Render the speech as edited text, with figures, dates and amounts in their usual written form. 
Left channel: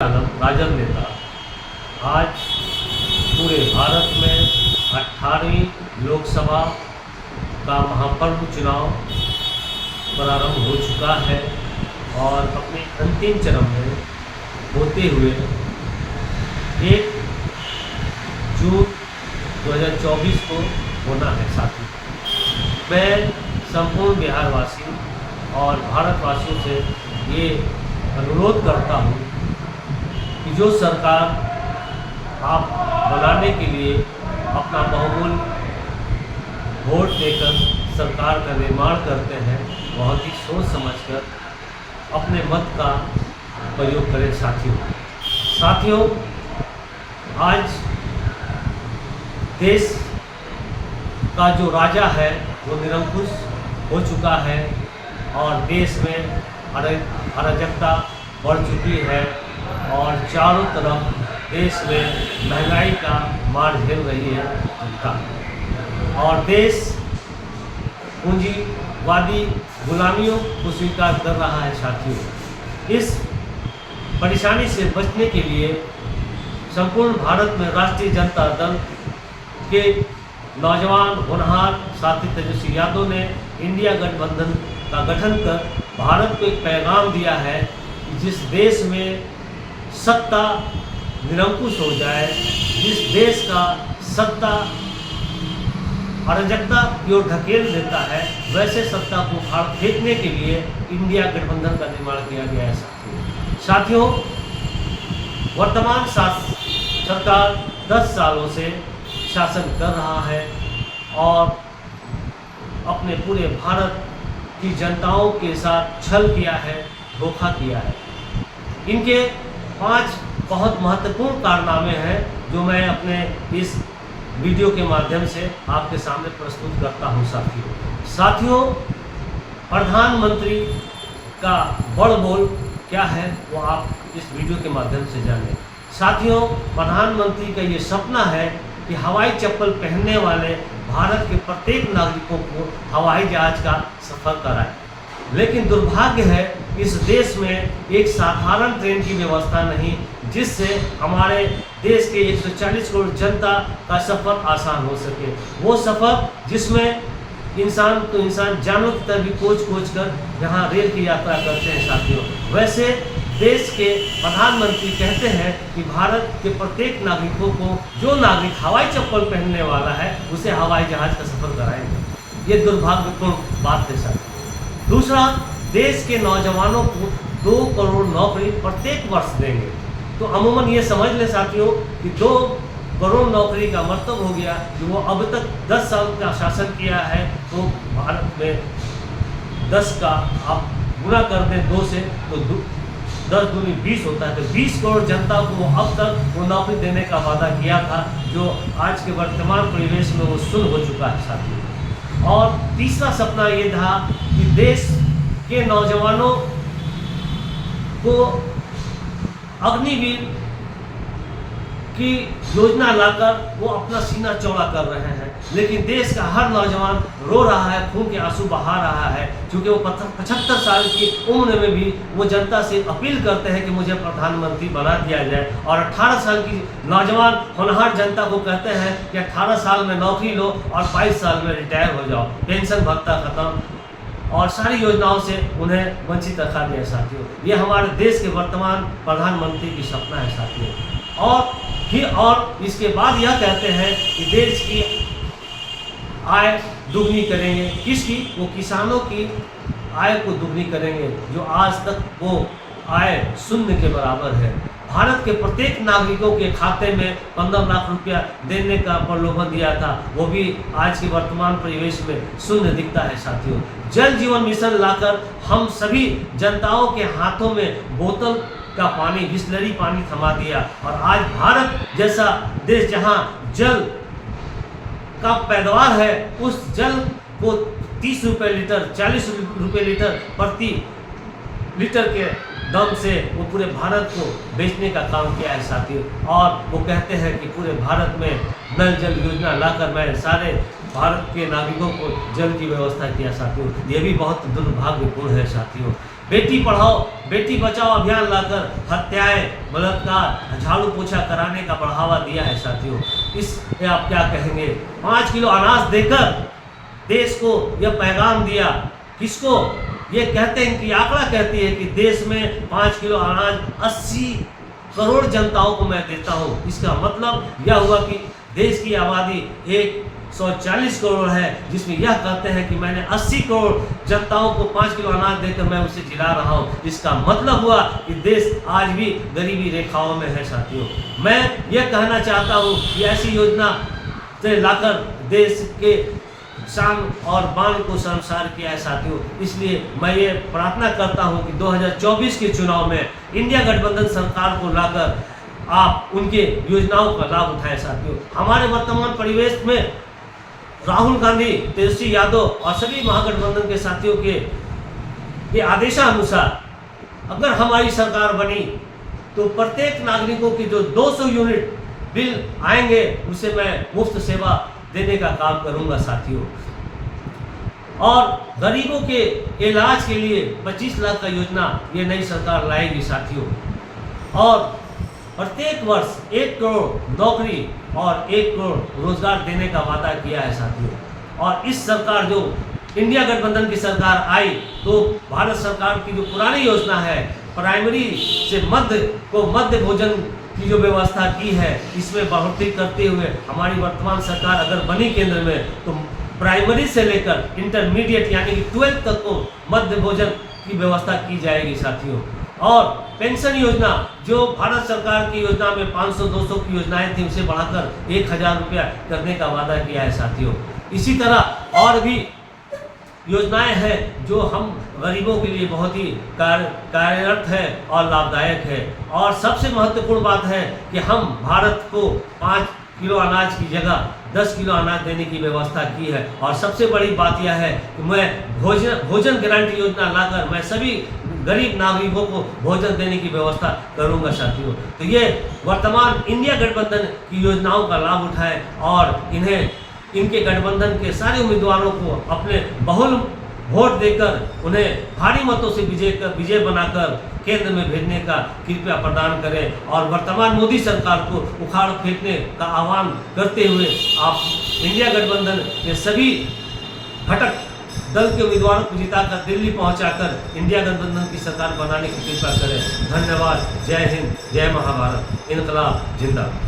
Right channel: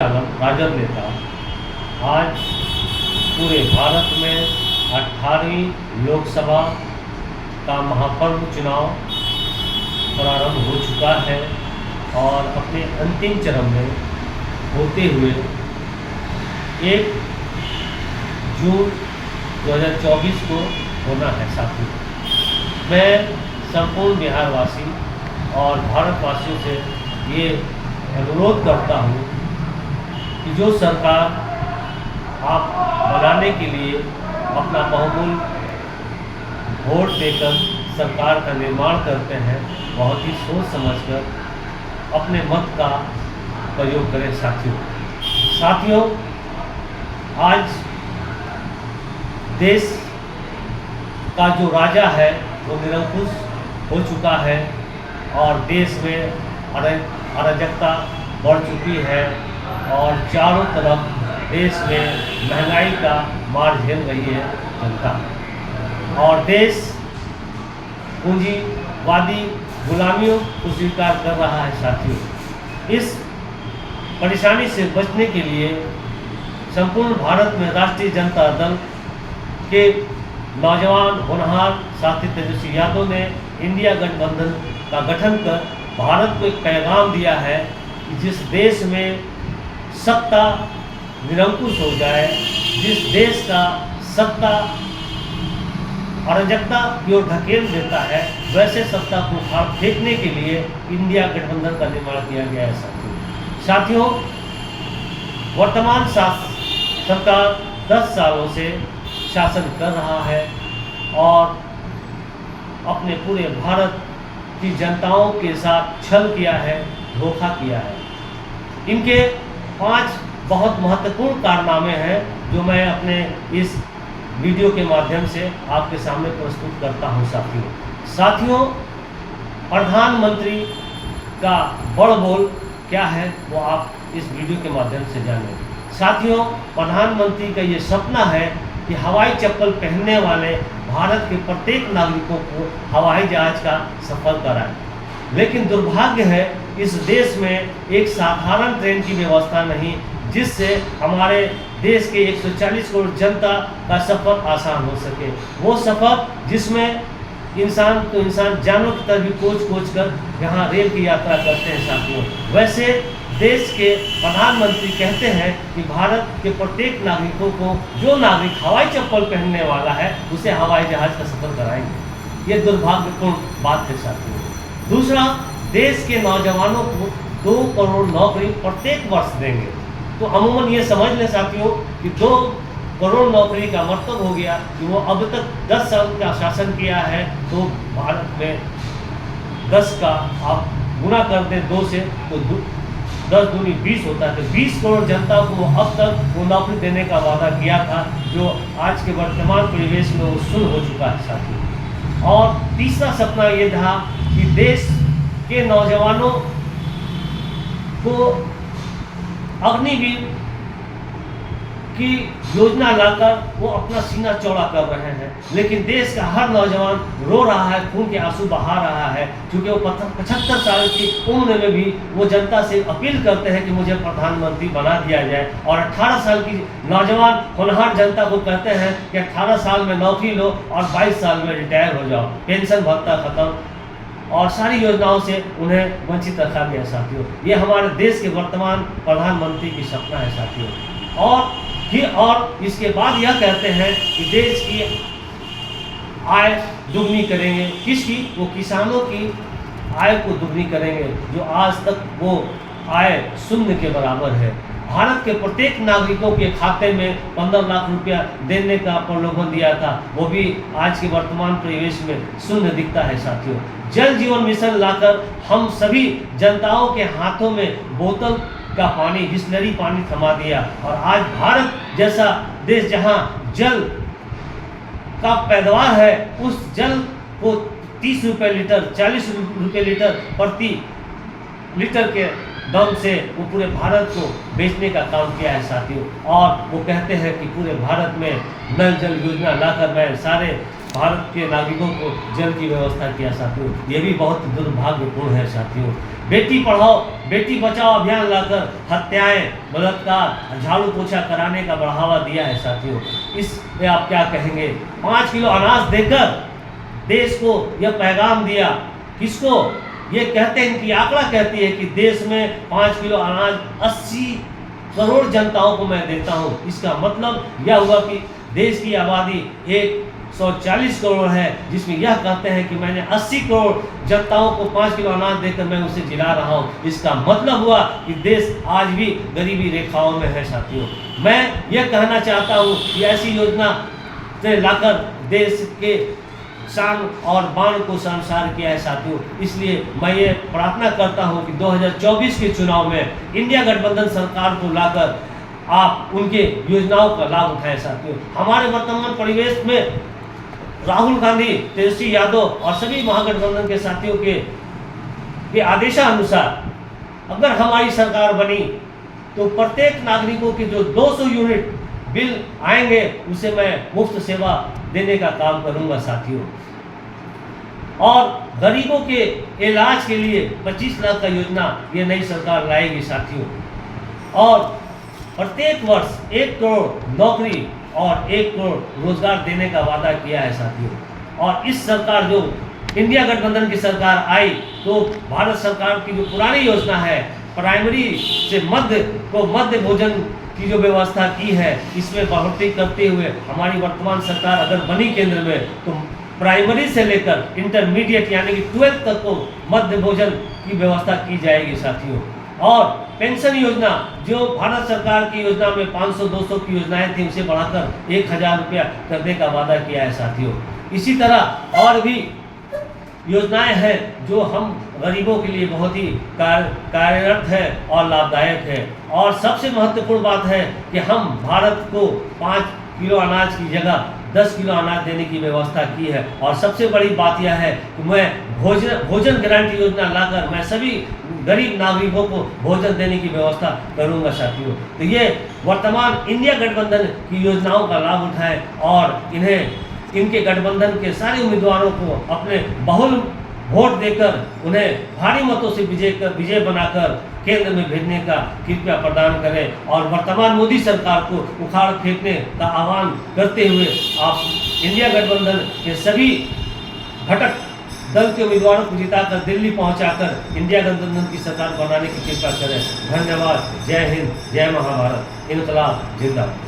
राजद नेता आज पूरे भारत में 18वीं लोकसभा का महापर्व चुनाव प्रारंभ हो चुका है और अपने अंतिम चरण में होते हुए 1 जून 2024 को होना है। साथी मैं संपूर्ण बिहारवासी और भारतवासियों से ये अनुरोध करता हूँ कि जो सरकार आप बनाने के लिए अपना बहुमूल्य वोट देकर सरकार का निर्माण करते हैं, बहुत ही सोच समझकर अपने मत का प्रयोग करें। साथियों, आज देश का जो राजा है वो निरंकुश हो चुका है और देश में अराजकता बढ़ चुकी है और चारों तरफ देश में महंगाई का मार झेल रही है जनता और देश पूंजीवादी गुलामियों को स्वीकार कर रहा है। साथियों, इस परेशानी से बचने के लिए संपूर्ण भारत में राष्ट्रीय जनता दल के नौजवान होनहार साथी तेजस्वी यादव ने इंडिया गठबंधन का गठन कर भारत को एक पैगाम दिया है कि जिस देश में सत्ता निरंकुश हो जाए, जिस देश का सत्ता अराजकता की ओर ढकेल देता है, वैसे सत्ता को उखाड़ फेंकने के लिए इंडिया गठबंधन का निर्माण किया गया है। साथियों, वर्तमान सरकार 10 सालों से शासन कर रहा है और अपने पूरे भारत की जनताओं के साथ छल किया है, धोखा किया है। इनके 5 बहुत महत्वपूर्ण कारनामे हैं जो मैं अपने इस वीडियो के माध्यम से आपके सामने प्रस्तुत करता हूं। साथियों, प्रधानमंत्री का बड़ बोल क्या है वो आप इस वीडियो के माध्यम से जानें। साथियों, प्रधानमंत्री का ये सपना है कि हवाई चप्पल पहनने वाले भारत के प्रत्येक नागरिकों को हवाई जहाज का सफर कराएं। लेकिन दुर्भाग्य है, इस देश में एक साधारण ट्रेन की व्यवस्था नहीं जिससे हमारे देश के 140 करोड़ जनता का सफ़र आसान हो सके। वो सफ़र जिसमें इंसान जानों की तरह भी कोच कर यहाँ रेल की यात्रा करते हैं। साथियों, वैसे देश के प्रधानमंत्री कहते हैं कि भारत के प्रत्येक नागरिकों को, जो नागरिक हवाई चप्पल पहनने वाला है उसे हवाई जहाज का सफ़र कराएंगे। ये दुर्भाग्यपूर्ण बात है। साथियों, दूसरा, देश के नौजवानों को 2 करोड़ नौकरी प्रत्येक वर्ष देंगे। तो अमूमन ये समझ लें साथियों कि 2 करोड़ नौकरी का मतलब हो गया कि वो अब तक 10 साल का शासन किया है, तो भारत में 10 का आप गुणा कर दें 2 से तो 10 दूनी 20 होता है। तो 20 करोड़ जनता को वो अब तक वो नौकरी देने का वादा किया था, जो आज के वर्तमान परिवेश में वो शून्य हो चुका है। साथियों, और तीसरा सपना ये था कि देश के नौजवानों को अग्निवीर की योजना लाकर वो अपना सीना चौड़ा कर रहे हैं, लेकिन देश का हर नौजवान रो रहा है, खून के आंसू बहा रहा है, क्योंकि वो 75 साल की उम्र में भी वो जनता से अपील करते हैं कि मुझे प्रधानमंत्री बना दिया जाए। और 18 साल की नौजवान होनहार जनता को कहते हैं कि 18 साल में नौकरी लो और 22 साल में रिटायर हो जाओ, पेंशन भत्ता खत्म और सारी योजनाओं से उन्हें वंचित रखा गया। साथियों, ये हमारे देश के वर्तमान प्रधानमंत्री की सपना है। साथियों, और इसके बाद यह कहते हैं कि देश की आय दुगनी करेंगे। किसकी? वो किसानों की आय को दुगनी करेंगे, जो आज तक वो आय 0 के बराबर है। भारत के प्रत्येक नागरिकों के खाते में 15 लाख रुपया देने का प्रलोभन दिया था, वो भी आज के वर्तमान परिवेश में 0 दिखता है। साथियों, जल जीवन मिशन लाकर हम सभी जनताओं के हाथों में बोतल का पानी, बिसलरी पानी थमा दिया और आज भारत जैसा देश जहां जल का पैदावार है, उस जल को 30 रुपये लीटर, 40 रुपये लीटर प्रति लीटर के दम से वो पूरे भारत को बेचने का काम किया है। साथियों, और वो कहते हैं कि पूरे भारत में नल जल योजना लाकर मैं सारे भारत के नागरिकों को जल की व्यवस्था किया। साथियों, ये भी बहुत दुर्भाग्यपूर्ण है। साथियों, बेटी पढ़ाओ बेटी बचाओ अभियान लाकर हत्याएं, बलात्कार, झाड़ू पोछा कराने का बढ़ावा दिया है साथियों। इस पे आप क्या कहेंगे? 5 किलो अनाज देकर देश को यह पैगाम दिया, किसको? ये कहते हैं कि आंकड़ा कहती है कि देश में 5 किलो अनाज 80 करोड़ जनताओं को मैं देता हूँ। इसका मतलब यह हुआ कि देश की आबादी 140 करोड़ है, जिसमें यह कहते हैं कि मैंने 80 करोड़ जनताओं को 5 किलो अनाज देकर मैं उसे जिला रहा हूँ। इसका मतलब हुआ कि देश आज भी गरीबी रेखाओं में है साथियों। मैं यह कहना चाहता हूँ कि ऐसी योजना से लाकर देश के शान और बाण को संसार किया है साथियों। इसलिए मैं ये प्रार्थना करता हूँ कि 2024 के चुनाव में इंडिया गठबंधन सरकार को लाकर आप उनके योजनाओं का लाभ उठाएं साथियों। हमारे वर्तमान परिवेश में राहुल गांधी, तेजस्वी यादव और सभी महागठबंधन के साथियों के आदेशानुसार अगर हमारी सरकार बनी तो प्रत्येक नागरिकों की जो 200 यूनिट बिल आएंगे उसे मैं मुफ्त सेवा देने का काम करूंगा साथियों। और गरीबों के इलाज के लिए 25 लाख का योजना ये नई सरकार लाएगी साथियों। और प्रत्येक वर्ष 1 करोड़ नौकरी और 1 करोड़ रोजगार देने का वादा किया है साथियों। और इस सरकार जो इंडिया गठबंधन की सरकार आई तो भारत सरकार की जो पुरानी योजना है प्राइमरी से मध्य भोजन की जो व्यवस्था की है इसमें बढ़ोतरी करते हुए हमारी वर्तमान सरकार अगर बनी केंद्र में तो प्राइमरी से लेकर इंटरमीडिएट यानी कि 12th तक को मध्य भोजन की व्यवस्था की जाएगी साथियों। और पेंशन योजना जो भारत सरकार की योजना में 500-200 की योजनाएं थी उसे बढ़ाकर 1000 रुपया करने का वादा किया है साथियों। इसी तरह और भी योजनाएं हैं जो हम गरीबों के लिए बहुत ही कार्यरत है और लाभदायक है। और सबसे महत्वपूर्ण बात है कि हम भारत को 5 किलो अनाज की जगह 10 किलो अनाज देने की व्यवस्था की है। और सबसे बड़ी बात यह है कि मैं भोजन गारंटी योजना लाकर मैं सभी गरीब नागरिकों को भोजन देने की व्यवस्था करूंगा साथियों। तो ये वर्तमान इंडिया गठबंधन की योजनाओं का लाभ उठाएं और इनके गठबंधन के सारे उम्मीदवारों को अपने बहुल वोट देकर उन्हें भारी मतों से विजय बनाकर केंद्र में भेजने का कृपया प्रदान करें। और वर्तमान मोदी सरकार को उखाड़ फेंकने का आह्वान करते हुए आप इंडिया गठबंधन के सभी घटक दल के उम्मीदवारों को जिताकर दिल्ली पहुंचाकर इंडिया गठबंधन की सरकार बनाने की कृपा करें। धन्यवाद। जय हिंद, जय महाभारत, इनकलाब जिंदाबाद।